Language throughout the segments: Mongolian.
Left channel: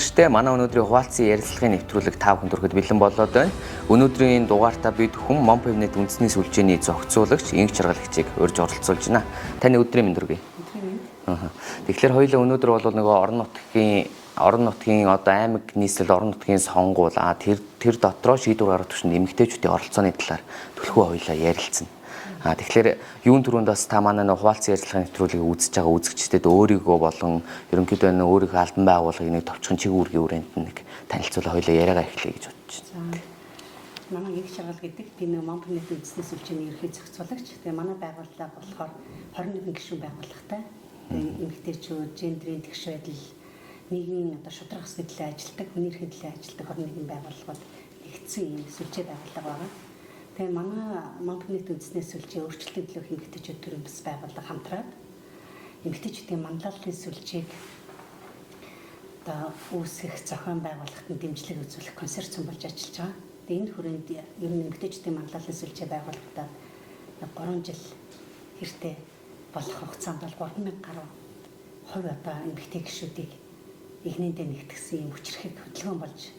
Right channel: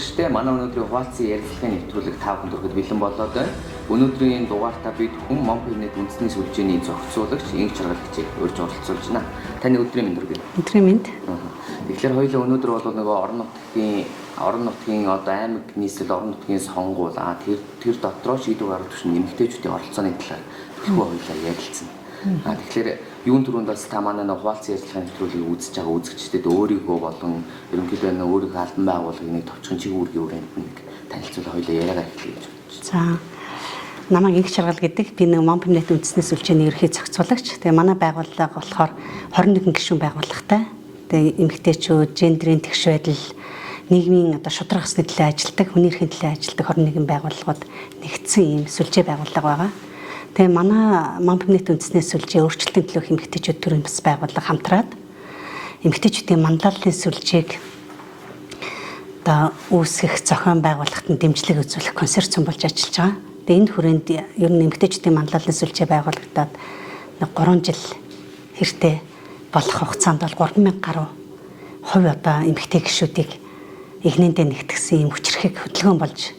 үзэгчдээ манай өнөөдрийн хуваалцсан ярилцлагын нэвтрүүлэг та бүхэнд хүрэхэд бэлэн болоод байна. Өнөөдрийн дугаартаа бид хүн Монпевнет үндэсний сүлжээний зохицуулагч, инх жаргалагчийг урьж оролцуулж байна. Таны өдрийн мэнд хүргэе. Өдрийн мэнд. Тэгэхээр хоёулаа өнөөдөр бол нөгөө орон нутгийн одоо аймаг нийслэл орон нутгийн сонгуул тэр дотроо шийдвэр гаргах төвшөнд эмэгтэйчүүдийн оролцооны талаар төлхөө хоёулаа ярилцсан. Тэгэхээр юун түрүүнд бас та манай нэг хуваалцсан ярилцлагын нэвтрүүлгийг үзэж байгаа үзэгчдэд өөрийгөө болон ерөнхийдөө өөрийнхөө албан байгууллагын нэг товчхон чиг үүргийн хүрээнд нэг танилцуулаа хоёулаа яриагаа эхлэе гэж бодчих. За. Намайг инх жаргал гэдэг. Би нэг Монпевнет үндэсний сүлжээний ерхий зохицуулагч. Тэгээ манай байгууллага болохоор 21 гишүүн байгууллагатай. Тэгээ эмэгтэйчүүд, гендрийн тэгш байдал, нийгмийн одоо шударга ёсны төлөө ажилладаг, хүний эрхийн төлөө ажилладаг 21 байгууллагууд нэгдсэн ийм сүлжээ байгууллага байгаа. Тэгээ манай Монпевнет үндэсний сүлжээ өөрчлөлтийн төлөөх эмэгтэйчүүд төрийн бас байгууллага хамтраад эмэгтэйчүүдийн манлайлалын сүлжээг одоо үүсгэх, зохион байгуулахад нь дэмжлэг үзүүлэх консорциум болж ажиллаж байгаа. Тэгээ энэ хүрээнд ер нь эмэгтэйчүүдийн манлайлалын сүлжээ байгуулагдаад 3 жил хэртэй болох хугацаанд бол 3000 гаруй хувь одоо эмэгтэй гишүүдийг игнэндээ нэгтгсэн юм хүчрхэг хөдөлгөөн болж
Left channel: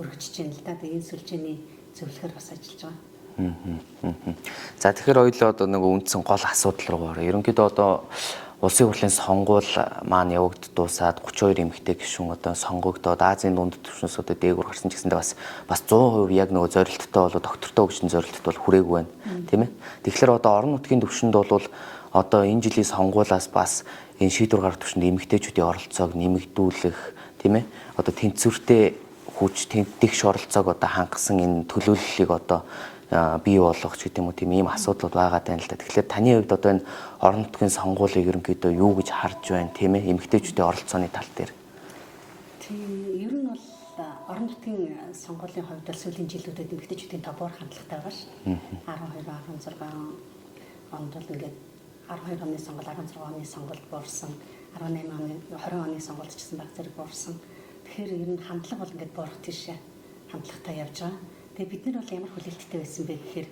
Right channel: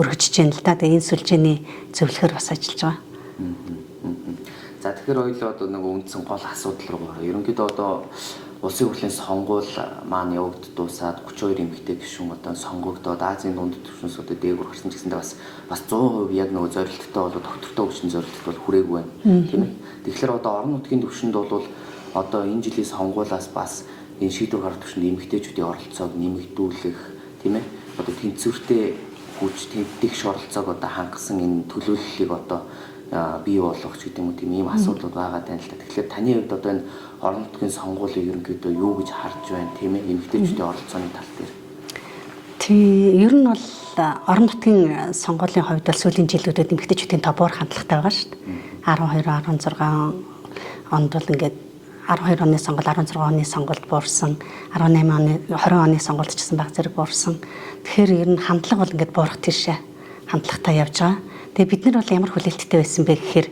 өргөжж байна л да. Тэгээ энэ сүлжээний зөвлөхөр бас ажиллаж байгаа. За тэгэхээр хоёулаа одоо нэг үндсэн гол асуудал руу орё. Ерөнхийдөө одоо улсын хурлын сонгуул маань явагдд дуусаад 32 эмэгтэй гишүүн одоо сонгогдоод Азийн дунд түвшинсүүдэд дээгүүр гарсан ч гэсэндээ бас 100% яг нөгөө зорилттой болоо доктортой өгчн зорилттой бол хүрээгүй байна. Тийм ээ. Тэгэхээр одоо орон нутгийн түвшинд бол одоо энэ жилийн сонгуулиас бас энэ шийдвэр гаргах түвшинд эмэгтэйчүүдийн оролцоог нэмэгдүүлэх тийм ээ. Одоо тэнцвэртэй хүч тэмдэгш оролцоог одоо хангасан энэ төлөөллийг одоо бий болгох ч гэдэг юм уу тийм ийм асуудлууд байгаа тань л да. Тэгэхээр таны хувьд одоо энэ орон нутгийн сонгуулийг ерөнхийдөө юу гэж харж байна тийм ээ эмэгтэйчүүдийн оролцооны тал дээр. Тийм ер нь бол орон нутгийн сонгуулийн хувьд бол сүүлийн жилүүдэд эмэгтэйчүүдийн тобоор хандлагатай байгаа шүү дээ. 12 16 онд бол ингээд 12 оны сонгуул 16 оны сонгуульд буурсан 18 оны 20 оны сонгуульд ч гэсэн баг зэрэг буурсан. Тэгэхээр ер нь хандлага бол ингээд буурах тийшээ хандлагатай явж байгаа. Тэгээ бид нар бол ямар хүлээлттэй байсан бэ гэхээр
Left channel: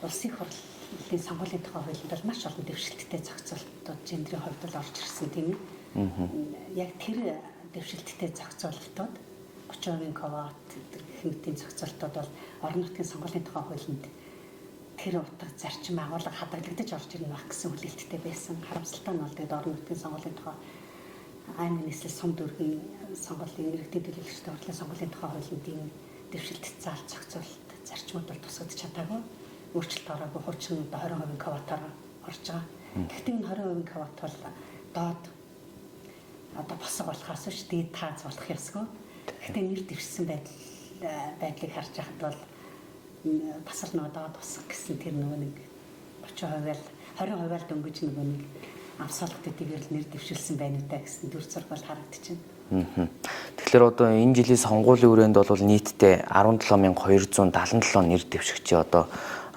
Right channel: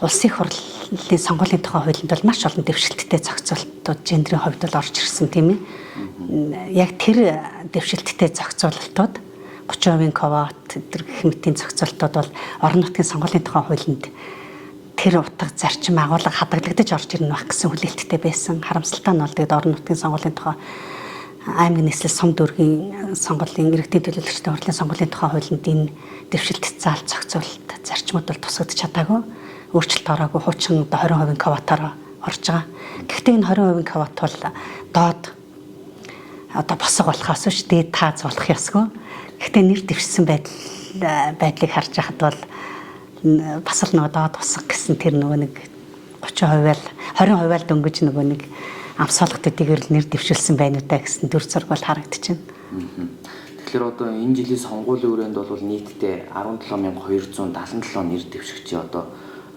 улсын хурлын сонгуулийн тухай хуулинд бол маш олон дэвшилттэй зохицуулалтууд гендрийн хувьд бол орж ирсэн тийм ээ. Яг тэр дэвшилттэй зохицуулалтууд 30% квот тэр гэх мэтийн зохицуулалтууд бол орон нутгийн сонгуулийн тухай хуулинд тэр утга зарчим агуулга хадгалагдаж орж ирнэ байх гэсэн хүлээлттэй байсан. Харамсалтай нь бол тэгээд орон нутгийн сонгуулийн тухай аймаг нийслэл сум дүүргийн сонгуулийн иргэдийн төлөөлөгчдийн хурлын сонгуулийн тухай хуулинд энэ дэвшилт заалт зохицуулалт зарчмууд бол тусгагдж чадаагүй. Өөрчлөлт ороогүй хуучин одоо 20% квотоор орж байгаа. Гэхдээ энэ 20% квот бол доод одоо босго болохоос биш дээд тааз болох ёсгүй. Гэхдээ нэр дэвшсэн байдлыг харж байхад бол бас л нөгөө доод босго гэсэн тэр нөгөө нэг 30% 20% дөнгөж нөгөө нэг амсуулгатуудыг нэр дэвшүүлсэн байна уу та гэсэн төр зураг бол харагдчихэв. Тэгэхээр одоо энэ жилийн сонгуулийн хүрээнд бол нийтдээ 17277 нэр дэвшигчээ одоо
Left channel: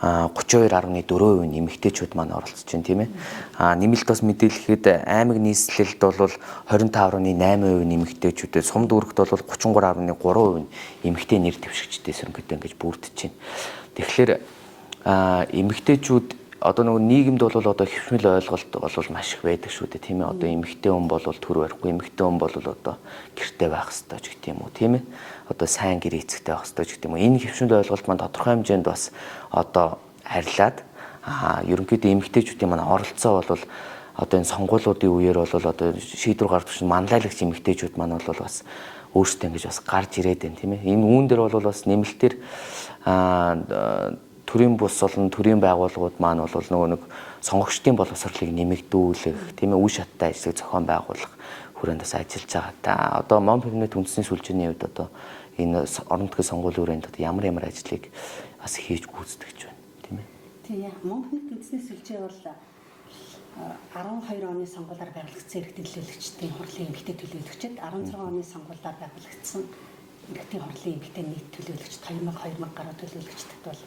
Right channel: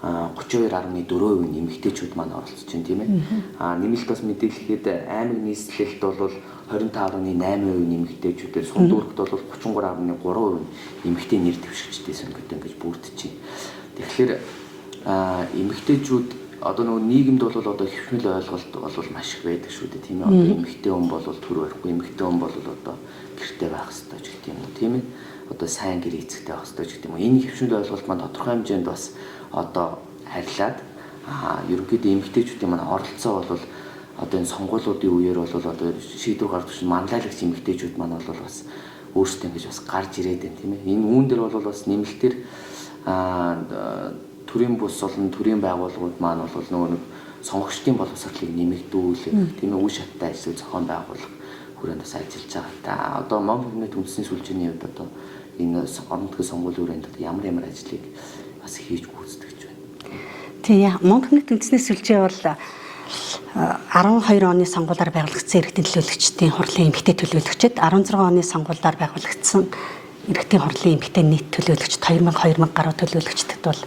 32.4% нь эмэгтэйчүүд маань оролцож байна тийм ээ. Нэмэлт бас мэдээлэхэд аймаг нийслэлд бол 25.8% нь эмэгтэйчүүд, сум дүүрэгт бол 33.3% нь эмэгтэй нэр дэвшигчтэй сонгогдсон гэж бүрдэж байна. Тэгэхээр эмэгтэйчүүд одоо нөгөө нийгэмд бол одоо хэвшмэл ойлголт бол маш их байдаг шүү дээ тийм ээ. Одоо эмэгтэй хүн бол төр барихгүй, эмэгтэй хүн бол одоо гэртээ байх ёстой ч гэдэг юм уу тийм ээ. Одоо сайн гэр эцэгтэй байх ёстой ч гэдэг юм уу. Энэ хэвшмэл ойлголт маань тодорхой хэмжээнд бас одоо харьлаад ерөнхийдөө эмэгтэйчүүдийн маань оролцоо бол одоо энэ сонгуулиудын үеэр бол одоо шийдвэр гаргах чинь манлайлагч эмэгтэйчүүд маань бол бас өөрсдөө ингэж бас гарч ирээд байна тийм ээ. Энэ үүн дээр бол бас нэмэлтээр төрийн бус болон төрийн байгууллагууд маань бол нөгөө нэг сонгогчдын боловсролыг нэмэгдүүлэх тийм ээ үе шаттай ажлыг зохион байгуулах хүрээнд бас ажиллаж байгаа. Та одоо Монпевнет үндэсний сүлжээний хувьд одоо энэ орон нутгийн сонгуулийн хүрээнд ямар ажлыг бас хийж гүйцэтгэж байна. Тийм Монпевнет үндэсний сүлжээ бол 12 оны сонгуулиар байгуулагдсан иргэдийн төлөөлөгчдийн хурлын эмэгтэй төлөөлөгчд 16 оны сонгуулиар байгуулагдсан иргэдийн хурлын эмэгтэй нийт төлөөлөгчд 2000 гаруй төлөөлөгчдөд бол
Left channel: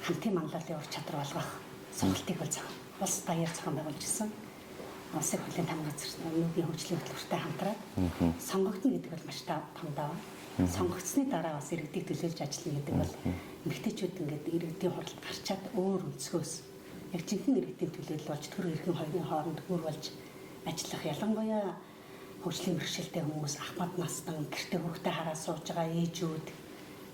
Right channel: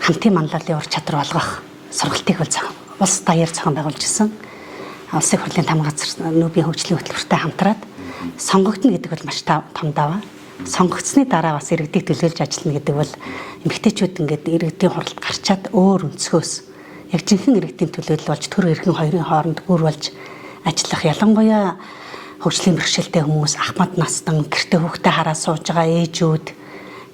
хамтын манлайлалын ур чадвар олгох сургалтыг бол улс даяар зохион байгуулж ирсэн. Улсын хурлын тамга газар нүүбийн хөгжлийн хөтөлбөртэй хамтраад сонгогдно гэдэг бол маш том даваа. Сонгогдсны дараа бас иргэдийг төлөөлж ажиллана гэдэг бол эмэгтэйчүүд ингээд иргэдийн хурлд гарчаад өөр өнцгөөс яг жинхэнэ иргэдийн төлөөлөл болж төр эрхэн хоёрын хооронд гүр болж ажиллах ялангуяа хөгжлийн бэрхшээлтэй хүмүүс, ахмад настан, гэрте хүүхдээ хараа сууж байгаа ээжүүд,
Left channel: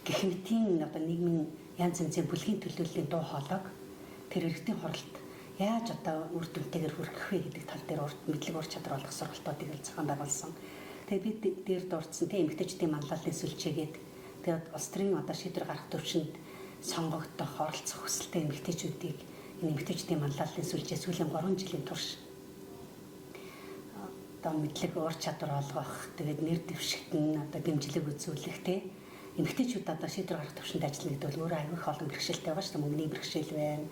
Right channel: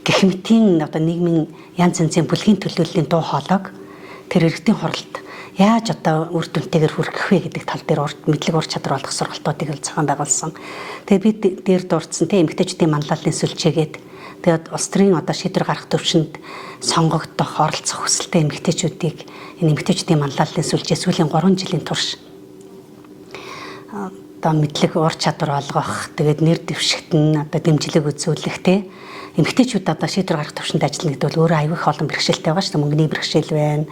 гэх мэтийн одоо нийгмийн янз янзын бүлгийн төлөөллийн дуу хоолойг тэр иргэдийн хуралд яаж одоо үр дүнтэйгээр хүргэх вэ гэдэг тал дээр мэдлэг ур чадвар олгох сургалтуудыг л зохион байгуулсан. Тэгээд бид дээр дурдсан те эмэгтэйчүүдийн манлайлалын сүлжээгээд тэгээд улс төрийн одоо шийдвэр гаргах төвшөнд сонгогдох оролцох хүсэлтэй эмэгтэйчүүдийг энэ эмэгтэйчүүдийн манлайлалын сүлжээ сүүлийн 3 жилийн турш одоо мэдлэг ур чадвар олгох, тэгээд нэр дэвшигтэн одоо дэмжлэг үзүүлэх те эмэгтэйчүүд одоо шийдвэр гаргах төвшөнд ажиллана гэдэг бол өөрөө аюул их олон бэрхшээлтэй байгаа шүү дээ. Мөнгөний бэрхшээл байна.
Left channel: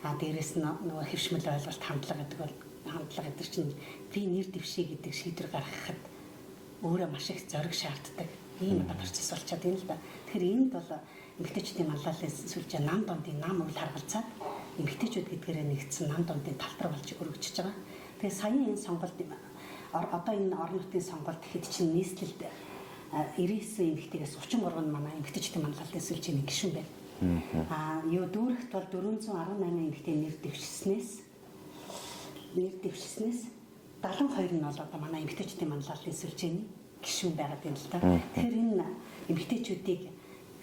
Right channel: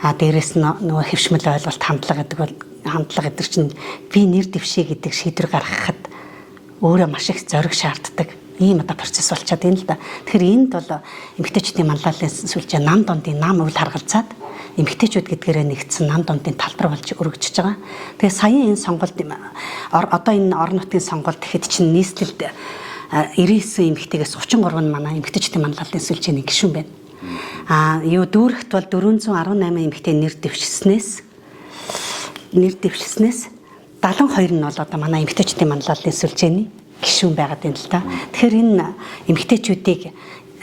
Дээрээс нь нөгөө хэвшмэл ойлголт хандлага гэдэг чинь би нэр дэвшээ гэдэг шийдвэр гаргахад өөрөө маш их зориг шаарддаг. Ийм одоо процесс болчиход байна л да. Тэгэхээр энд бол эмэгтэйчүүдийн манлайлалын сүлжээ нам дундын нам үйл харгалзаад эмэгтэйчүүд гэдгээрээ нэгдсэн нам дундын талбар болж өргөжж байгаа. Тэгээ саяхан энэ сонголт одоо энэ орон нутгийн сонголт гэхэд чинь нийслэлд 99 эмэгтэйгээс 33 нь манай эмэгтэйчүүдийн манлайлалын сүлжээний гишүүн байна. Юу дүүрэгт бол 418 эмэгтэй нэр дэвшснээс 72 нь бол одоо манай эмэгтэйчүүдийн манлайлалын сүлжээний гишүүн байгаад байна л да. Тэгэхээр энэ эмэгтэйчүүдийг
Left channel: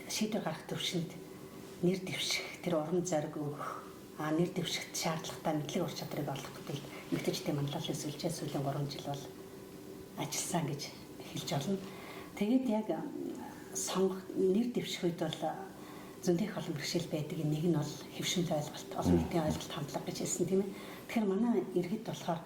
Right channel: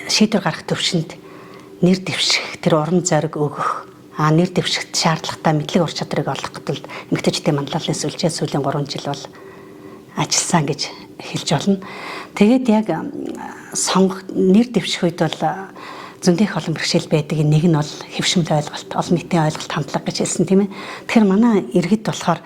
шийдвэр гаргах төвшөнд нэр дэвших, тэр уран зориг өгөх, нэр дэвшихт шаардлагатай мэдлэг ур чадварыг олох гэдэл эмэгтэйчүүдийн манлайлалын сүлжээ сүүлийн 3 жил бол ажилласан гэж хэлж болно. Тэгээд яг нэр дэвших үед бол зөндөх олон бэрхшээл байдаг. Нэг нь бол хэвшмэл ойлголт, олон нийтийн ойлголт хандлага гэж хэлсэн тийм ээ. Тэгэхээр манай иргэд болохоор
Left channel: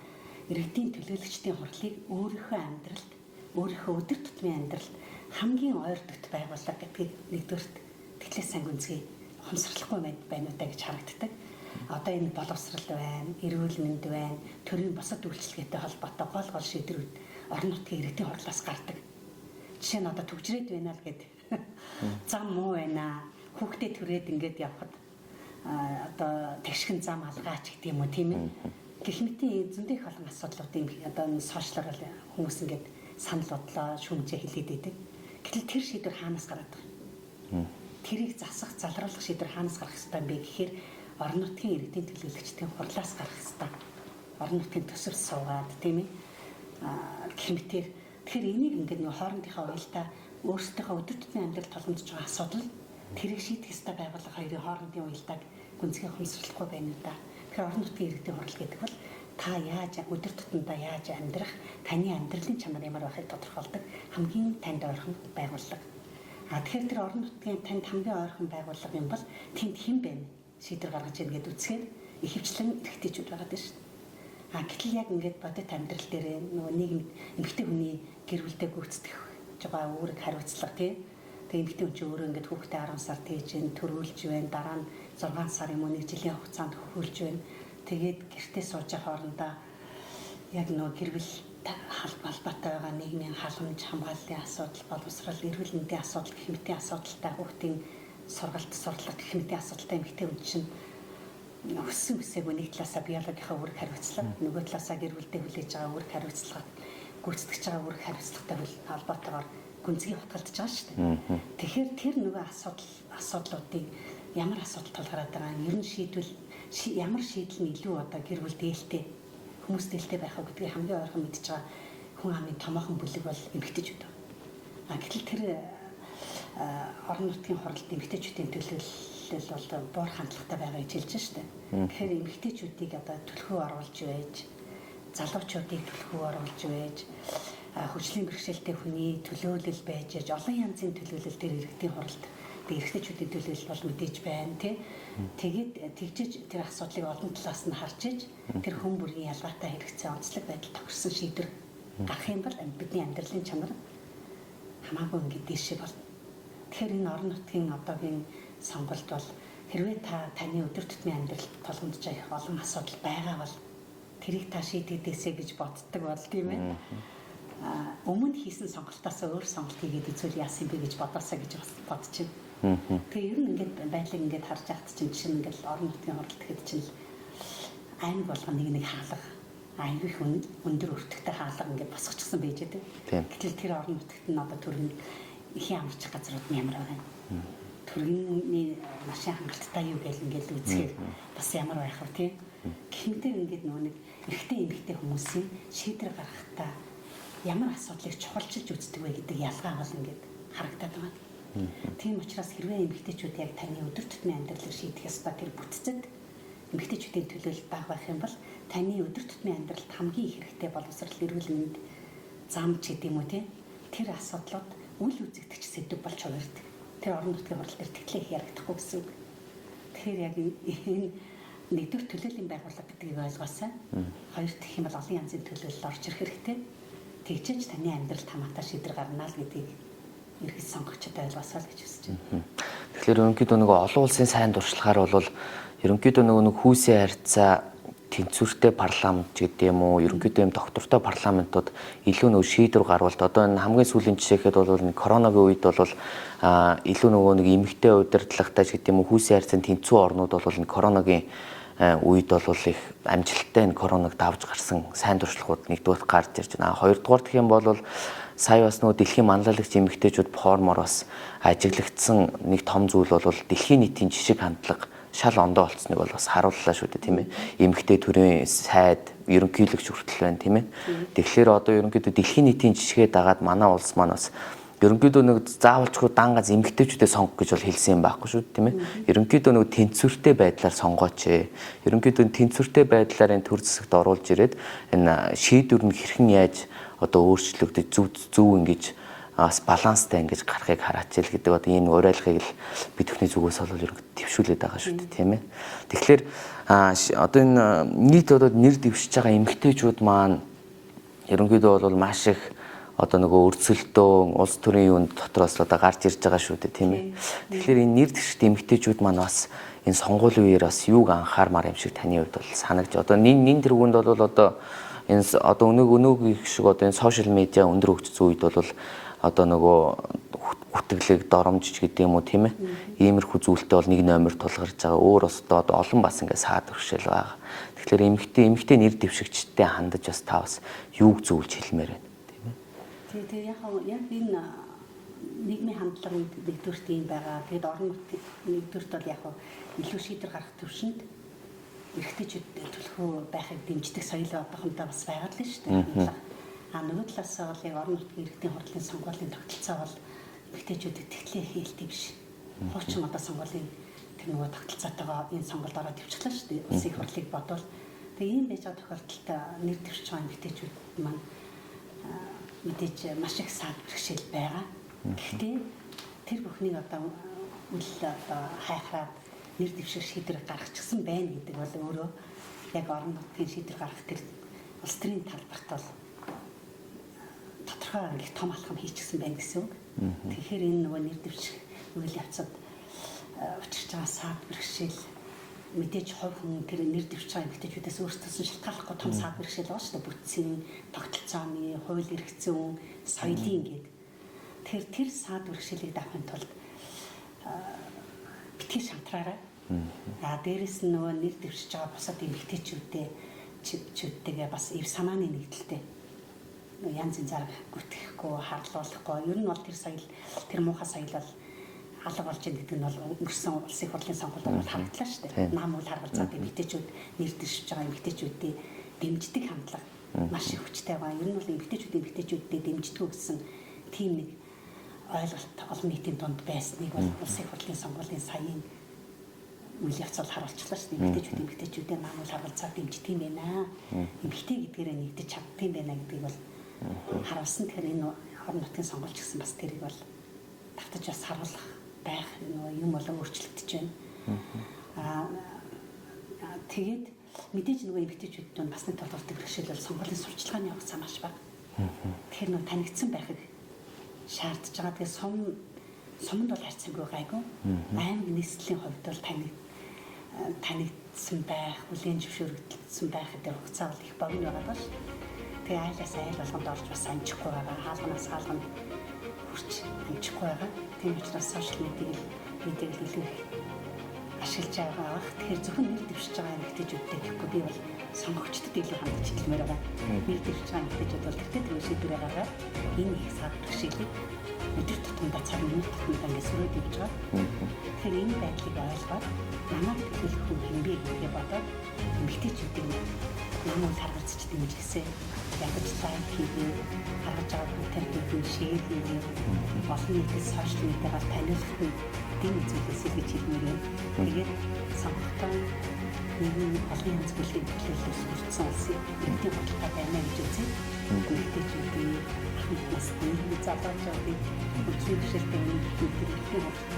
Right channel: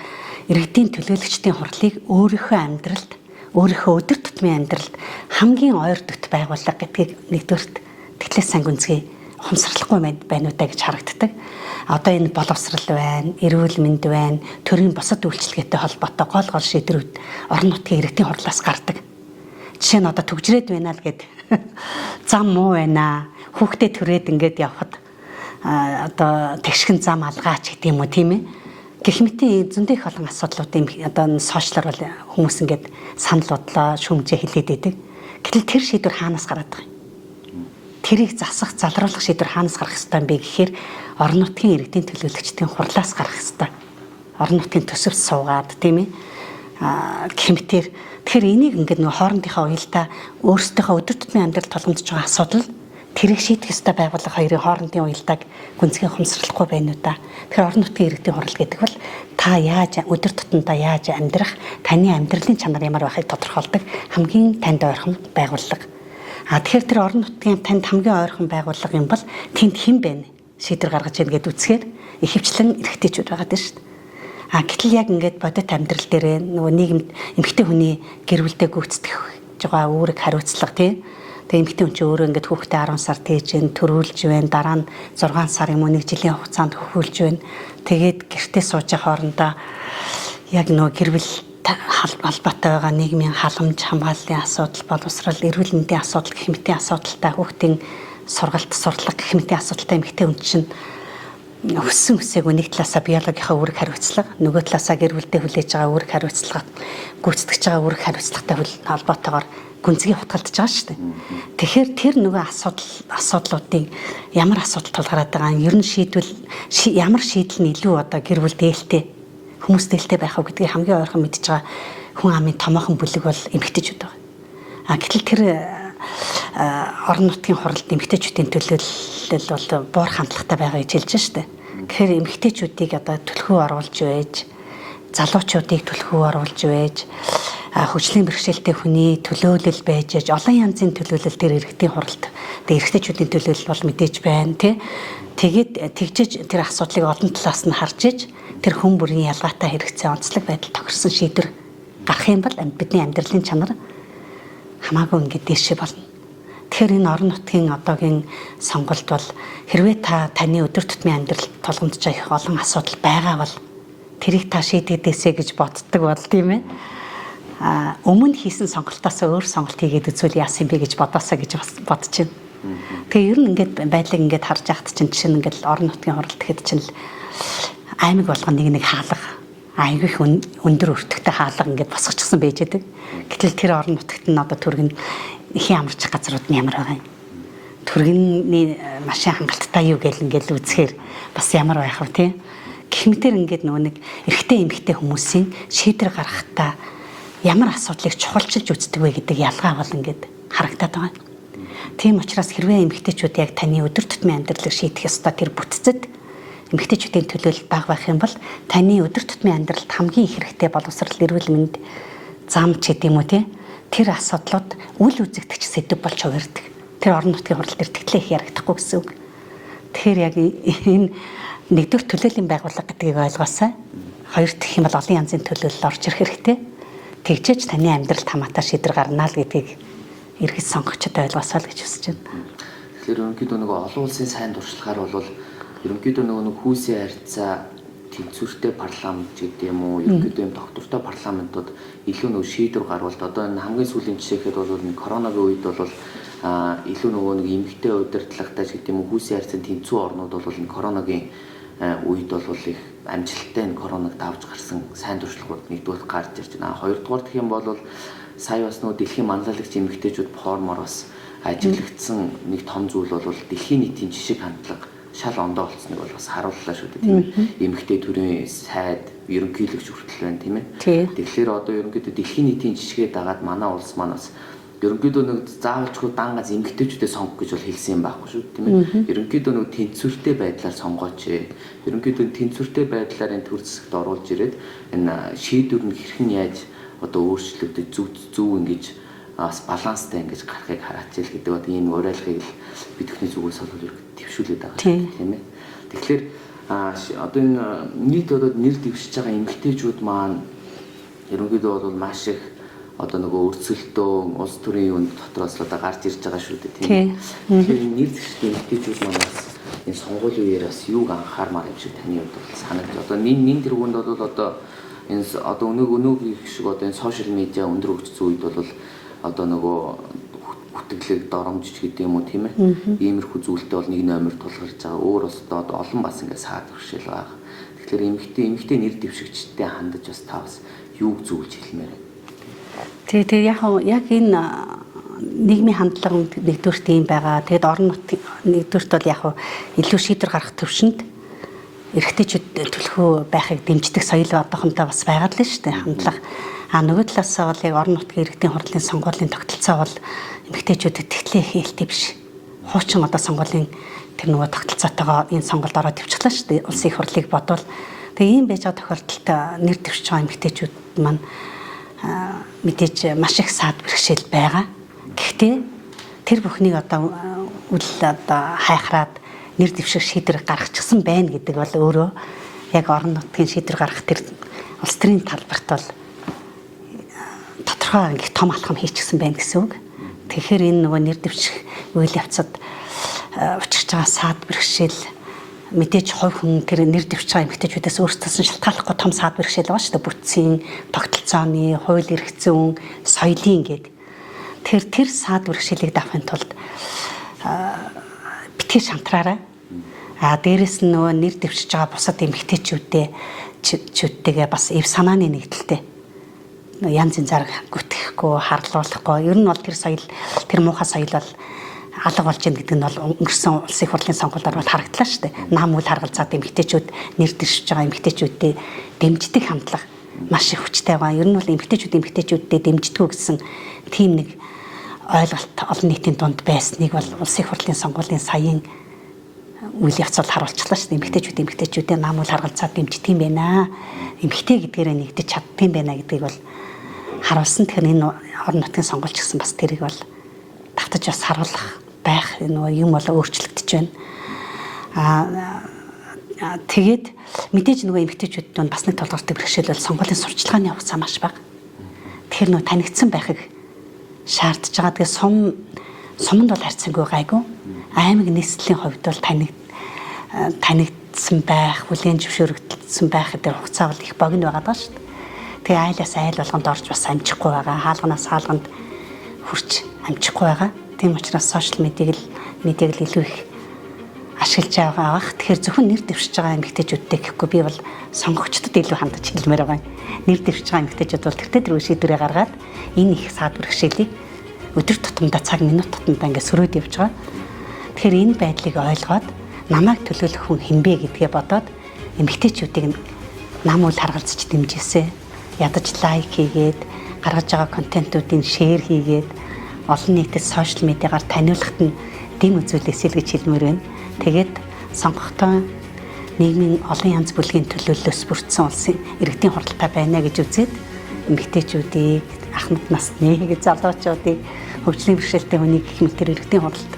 иргэдийн төлөөлөгчдийн хурлыг өөрийнхөө амьдралд, өөрийнхөө өдөр тутмын амьдралд хамгийн ойр дот байгууллага гэдгийг нэгдүгürt тэглээс сайн гүнзгий ухамсарлахгүй байна уу даа гэж харагддаг. Одоо энэ боловсрал байна, эрүүл мэнд байна, төрийн бусад үйлчилгээтэй холбоотой гол шийдвэрүүд орон нутгийн иргэдийн хурлаас гардаг. Жишээ нь одоо төгжрээд байна л гэд зам муу байна. Хүүхдээ төрөөд ингээд явхад одоо тэгшхэн зам алгаач гэдэг юм уу тийм ээ. Гэх мэтийн зөндөх олон асуудлуудын одоо сошиалар бол хүмүүс ингээд санал бодлоо шүүмжээ хэлээд байдаг. Гэтэл тэр шийдвэр хаанаас гараад байгаа юм? Тэрийг засах, залруулах шийдвэр хаанаас гарах ёстой юм бэ гэхээр орон нутгийн иргэдийн төлөөлөгчдийн хурлаас гарах ёстой. Орон нутгийн төсөвт суугаад тийм ээ. Гэх мэтээр тэгэхээр энийг ингээд нөгөө хоорондынхаа уялдаа өөрсдийнхөө өдөр тутмын амьдралд тулгамдж байгаа асуудал тэрийг шийдэх ёстой байгууллага хоёрын хоорондын уялдааг гүнзгий ухамсарлахгүй байна уу да. Тэгэхээр орон нутгийн иргэдийн хурал гэдэг бол та яаж өдөр тутамдаа яаж амьдрах, таны амьдралын чанар ямар байхыг тодорхойлдог хамгийн танд ойрхон байгууллага. Тэгэхээр тэр орон нутгийн танд хамгийн ойрхон байгууллага юм бол тэнд хэн байна? Шийдвэр гаргаж яах гээд үцхээр ихэвчлэн эрэгтэйчүүд байгаад байна шүү дээ. Гэтэл яг ингээд бодит амьдрал дээр нөгөө нийгэмд эмэгтэй хүний гэр бүлдээ гүйцэтгэх байгаа үүрэг хариуцлага тийм. Тэгээ эмэгтэй хүн чинь өөрөө ингээд хүүхдээ 10 сар тээж төрүүлж байна. Дараа нь 6 сар юм уу 1 жилийн хугацаанд хөвүүлж байна. Тэгээд гэртээ сууж хоорондоо яг нөгөө гэр бүл холбоотой байгаа нийгмийн халамж, хамгааллын асуудал, боловсрал, эрүүл мэндийн асуудал гэх мэтийн асуудалтай хүүхдийн сургалт, сурлага гэх мэтийн асуудалтай эмэгтэй хүн чинь өссөн үсээгүй нэг талаасаа биологийнхаа үүрэг хариуцлага, нөгөө талаасаа гэр бүлдээ хүлээж байгаа үүрэг хариуцлага, гүйцэтгэж байгаа үүрэг хариуцлагатай холбоотойгоор гүнзгий хутгалдаж байгаа шүү дээ. Тэгэхээр тэр нөгөө асуудлуудын ямар асуудал тулгараад байгаа юм, ер нь ямар шийдэл нь илүү одоо гэр бүл дээлтэй, хүмүүс дээлтэй байх уу гэдгийг хамгийн ойрхон мэдж байгаа хүн амын томоохон бүлэг бол эмэгтэйчүүд байгаа. Гэтэл тэр орон нутгийн хуралд эмэгтэйчүүдийн төлөөлөл бол буур хандлагатай байгаа гэж хэлж штэ. Тэгэхээр эмэгтэйчүүдийг одоо түлхүү оруулж байж, залуучуудыг түлхүү оруулж байж, хөгжлийн бэрхшээлтэй хүний төлөөлөл байж олон янзын төлөөлөл тэр иргэдийн хуралд. Тэгээ эрэгтэйчүүдийн төлөөлөл бол мэдээж байна тий. Тэгээд тэгжиж тэр асуудлыг олон талаас нь харж иж тэр хүн бүрийн ялгаатай хэрэгцээ онцлог байдал тохирсон шийдвэр гарах юм бол бидний амьдралын чанар хамаагүй ингээд дээшээ болно. Тэгэхээр энэ орон нутгийн одоогийн сонголт бол хэрвээ таны өдөр тутмын амьдралд тулгамдж байгаа их олон асуудал байгаа бол тэрийг та шийдэгээсэй гэж боддог бол тийм ээ. Өмнө хийсэн сонголтоос өөр сонголт хийгээд үзвэл яасан бэ гэж бодоосаа гэж бодож байна. Тэгээ ер нь ингээд байдлыг ингээд харж яхад чинь жишээ нь ингээд орон нутгийн хуралд гэхэд чинь аймаг болгоно нэг хаалга айгүй их өндөр өртөгтэй хаалга ингээд босгочихсон байж байдаг. Гэтэл тэр орон нутагт нь одоо түргэн ихэн амарчих газрууд нь ямар байгаа юм. Түргэний машин хангалттай юу гэл ингээд үзэхээр бас ямар байх вэ тий. Гэх мэтэр ингээд нөгөө нэг эрэгтэй эмэгтэй хүмүүсийн шийдвэр гаргахтаа ямар асуудлыг чухалчилж үздэг вэ гэдэг ялгаа бол ингээд харагдаад байгаа. Тийм учраас хэрвээ эмэгтэйчүүд яг таны өдөр тутмын амьдралыг шийдэх ёстой тэр бүтцэд эмэгтэйчүүдийн төлөөлөл бага байх юм бол таны өдөр тутмын амьдралд хамгийн их хэрэгтэй боловсрал, эрүүл мэнд, зам ч гэдэм үү тэр асуудлууд үл үзэгдэх сэдв болж хувирдаг. Тэр орон нутгийн хурал дээр тэгтлээ их ярагдахгүй гэсэн үг. Тэгэхээр яг энэ нэгдүгээр төлөөллийн байгууллага гэдгийг ойлгоосай. Хоёр дахь юм бол олон янзын төлөөлөл орж ирэх хэрэгтэй. Тэгжээж таны амьдралд хамаатай шийдвэр гарна л гэдгийг эргэж сонгогчдод ойлгосоо л гэж хүсэж байна. Тэгэхээр ерөнхийдөө нөгөө олон улсын сайн дуршлагаар бол ерөнхийдөө нөгөө хүүсийн харьцаа тэнцвэртэй парламент гэдэг юм уу, ерөнхийдөө юм доктортой парламентууд илүү нөгөө шийдвэр гаргалт. Одоо энэ хамгийн сүүлийн жишээхэд бол коронагийн үед бол илүү нөгөө нэг эмэгтэй удирдлагатай гэдэг юм уу, хүүсийн харьцаанд тэнцүү орнууд бол энэ коронагийн үед бол их амжилттай энэ короныг давж гарсан сайн туршлагууд нэгдүгээр гарч ирж байна. Хоёрдугаар гэх юм бол сая бас нөгөө дэлхийн манлайлагч эмэгтэйчүүд формоор бас ажиглагдсан нэг том зүйл бол дэлхийн нийтийн жишг хандлага шал ондоо болцсныг бол бас харууллаа шүү дээ, тийм ээ. Эмэгтэй төрийн сайд, ерөнхийлөгч хүртэл байна, тийм ээ. Тэгэхээр одоо ерөнхийдөө дэлхийн нийтийн жишгээ дагаад манай улс маань бас ерөнхийдөө нэг заавалчгүй дангаз эмэгтэйчүүдээ сонгох гэж бол хэлсэн юм байхгүй шүү, тийм ээ. Ерөнхийдөө нэг тэнцвэртэй байдлаар сонгооч. Ерөнхийдөө тэнцвэртэй байдлаар энэ төр зэсэгт оруулж ирээд энэ шийдвэр нь хэрхэн яаж одоо өөрчлөгдөж зөв ингэж бас баланстай ингэж гарахыг хараачил гэдэг одоо энэ уриалгыг л бид бүхний зүгээс бол төвшүүлээд байгаа шүү дээ, тийм ээ. Тэгэхээр одоо энэ нийт одоо нэр дэвшиж байгаа эмэгтэйчүүд маань ерөнхийдөө бол маш их одоо нөгөө өрсөлдөөн улс төрийн юунд дотроос одоо гарч ирж байгаа шүү дээ, тийм ээ. Тэгэхээр энэ нэр дэвшигт эмэгтэйчүүд маань бас энэ сонгуулийн үеэр бас юуг анхаармаар юм шиг таны хувьд бол санагдж. Одоо нин тэргуунд бол одоо энэ одоо өнөөгийн шиг одоо энэ сошиал медиа өндөр хөгжсөн үед бол одоо нөгөө хүтгэлэг доромжиж гэдэг юм уу, тийм ээ. Иймэрхүү зүйлтэй бол нэг номер тулгарч байгаа. Өөр бас одоо олон бас ингэ саад бэрхшээл байгаа. Тэгэхээр эмэгтэй нэр дэвшигчтэй хандаж бас та бас юуг зөвлөж хэлмээр байна. Тэгээ яг энэ нийгмийн хандлага нэгдүгürt юм байгаа. Тэгэд орон нутгийн нэгдүгürt бол яг илүү шийдвэр гаргах төвшөнд эрэгтэйчүүд төлхөө байхыг дэмждэг соёл одоохондоо бас байгаад л шүү дээ, хандлага. Нөгөө талаасаа бол яг орон нутгийн иргэдийн хурлын сонгуулийн тогтолцоо бол эмэгтэйчүүдэд тэгтлээ хийлтэй биш. Хуучин одоо сонгуулийн тэр нөгөө тогтолцоотойгоо энэ сонголд ороод ивчлаа шүү дээ. Улсын их хурлыг бодвол тэгээ ийм байж байгаа тохиолдолд нэр дэвшиж байгаа эмэгтэйчүүд маань мэдээж маш их саад бэрхшээл байгаа. Гэхдээ тэр бүхнийг одоо хайхраад нэр дэвших шийдвэр гаргачихсан байна гэдэг бол өөрөө яг орон нутгийн шийдвэр гаргах тэр улс төрийн талбарт бол тодорхой их том алхам хийчихсэн байна гэсэн үг. Тэгэхээр энэ нөгөө нэр дэвших үйл явцад учирч байгаа саад бэрхшээл мэдээж хувь хүн тэр нэр дэвшиж байгаа эмэгтэйчүүдээс өөрсдөөс нь шалтгааллахгүй том саад бэрхшээл байгаа шүү дээ. Бүтцийн, тогтолцооны, хууль эрх зүйн, соёлын гээд. Тэр саад бэрхшээлийг давахын тулд битгий шантраарай. Дээрэс нь нөгөө нэр дэвшиж байгаа бусад эмэгтэйчүүдтэйгээ бас эв санааны нэгдэлтэй янз янзаар гүтгэхгүй, харлуулахгүй. Ер нь бол тэр соёл, тэр муухай соёл бол алга болж ийн гэдэг нь бол өнгөрсөн улсын их хурлын сонгуульд бол харагдлаа шүү дээ. Нам үл харгалзаад эмэгтэйчүүд нэр дэвшиж байгаа эмэгтэйчүүдтэй дэмждэг хандлага маш их хүчтэй байгаа. Ер нь бол эмэгтэйчүүдтэй дэмждэггүй гэсэн тийм нэг ойлголт олон нийтийн дунд байсныг бол улсын их хурлын сонгуулийн саяын үйл явц бол харуулчихлаа шүү дээ. Эмэгтэйчүүдээ нам үл харгалзаад дэмждэг юм байна. Эмэгтэй гэдгээрээ нэгдэж чаддаг юм байна гэдгийг бол харуулсан. Тэгэхээр энэ орон нутгийн сонгуульч гэсэн бас тэрийг бол давтаж бас харуулах байх нөгөө юм бол өөрчлөгдөж байна. Тэгээд мэдээж нөгөө эмэгтэйчүүд нь бас нэг толгортой бэрхшээл бол сонгуулийн сурчлагын хугацаа маш бага. Тэгэхээр нөгөө танигдсан байхыг шаардж байгаа. Тэгээ суманд бол харьцангуй гайгүй. Аймаг нийслэлийн хувьд бол танигдсан байх, хүлээн зөвшөөрөгдсөн байх гэдэг хугацаа бол их богино байгаа даа шүү дээ. Тэгээ айлаас айл болгонд орж бас амжихгүй байгаа. Хаалганаас хаалганд хүрч амжихгүй байгаа. Тийм учраас сошиал медиаг л илүү их ашиглаж байгаа. Тэгэхээр зөвхөн нэр дэвшиж байгаа эмэгтэйчүүдтэй гэхгүй би бол сонгогчдод илүү хандаж хэлмээр байгаа. Нэр дэвшиж байгаа эмэгтэйчүүд бол тэр шийдвэрээ гаргаад энэ их саад бэрхшээлийг өдөр тутамдаа цаг минут тутамдаа ингээд сөрөөд явж байгаа. Тэгэхээр энэ байдлыг ойлгоод намайг төлөөлөх хүн хинбэ гэдгээ бодоод эмэгтэйчүүдийг нам үл харгалзаж дэмжээсэ. Ядаж лайк хийгээд гаргаж байгаа контентуудыг шеэр хийгээд олон нийтэд сошиал медиагаар таниулахад нь дэм үзүүлээс л гэж хэлмээр байна. Тэгээд сонгогтой нийгмийн олон янз бүрийн төлөөллөөс бүрдсэн улсын иргэдийн хуралтай байна гэж үзээд эмэгтэйчүүдийг, ахмад насны залуучуудыг, хөгжлийн бэрхшээлтэй хүнийг гэх мэт тэр иргэдийн хуралд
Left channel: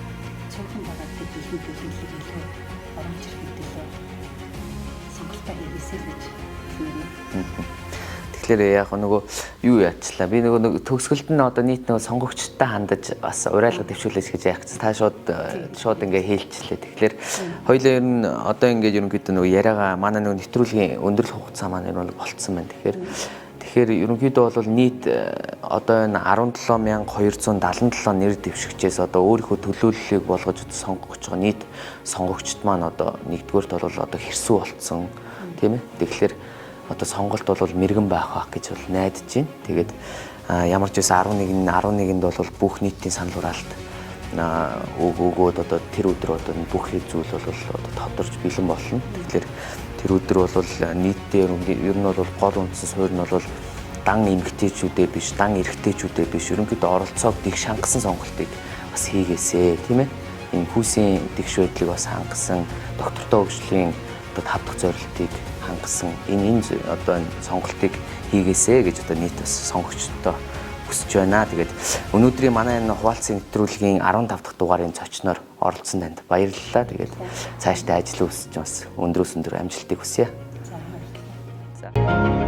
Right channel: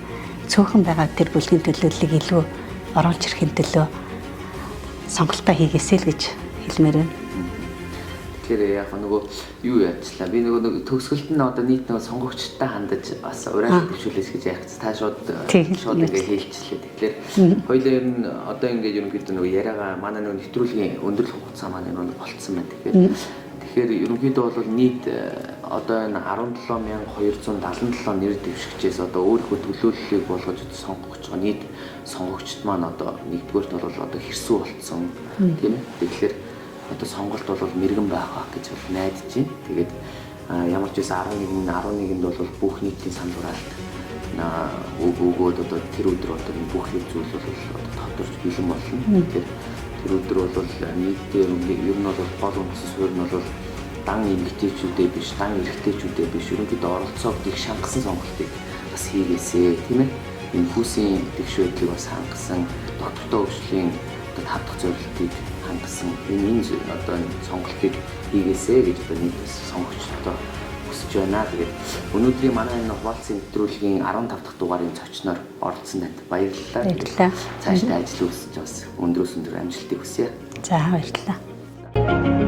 цөөхөн байгаа тэр бүлгийн төлөөллийг илүү оруулж ирэхин төлөө сонголтоо хийгээсэй л гэж хэлмээр байна. Тэгэхээр яг нөгөө юу яачлаа. Би нөгөө төгсгөлд нь одоо нийт нөгөө сонгогчтой хандаж бас урайлал дэвшүүлээс гэж яах гэж та шууд ингээ хэлчихлээ. Тэгэхээр хоёулаа ер нь одоо ингээ ерөнхийдөө нөгөө яриагаа манай нөгөө нэвтрүүлгийн өндөрлөх хугацаа маань ер нь болцсон байна. Тэгэхээр ерөнхийдөө бол нийт одоо энэ 17277 нэр дэвшигчээс одоо өөрийнхөө төлөөллийг болгож сонгох гэж байгаа нийт сонгогчд маань одоо нэгдүгээрт бол одоо хэрсүү болцсон тийм ээ. Тэгэхээр одоо сонголт бол мэрэгэн байх гэж бол найдаж байна. Тэгээд ямар ч байсан 11-нд бол бүх нийтийн санал хураалт өгөөд одоо тэр өдөр одоо бүх зүйл бол тодорч бэлэн болно. Тэгэхээр тэр өдөр бол нийтдээ ер нь бол гол үндсэн суурь нь бол дан эмэгтэйчүүдээ биш, дан эрэгтэйчүүдээ биш, ерөнхийдөө оролцоог их шангасан сонголтыг бас хийгээсэй, тийм ээ. Энэ хүүсийн дэвш байдлыг бас хангасан, доктортой хөгжлийн одоо 5 дахь зорилтыг хангасан энэ одоо сонголтыг хийгээсэй гэж одоо нийт бас сонгогчдод хүсэж байна. Тэгээд өнөөдрийн манай энэ хуваалцсан нэвтрүүлгийн 15 дахь дугаарын зочноор оролцсон танд баярлалаа. Тэгээд цаашдаа ажил үүсэж бас өндрөөс өндөр амжилтыг хүсье. За баярлалаа.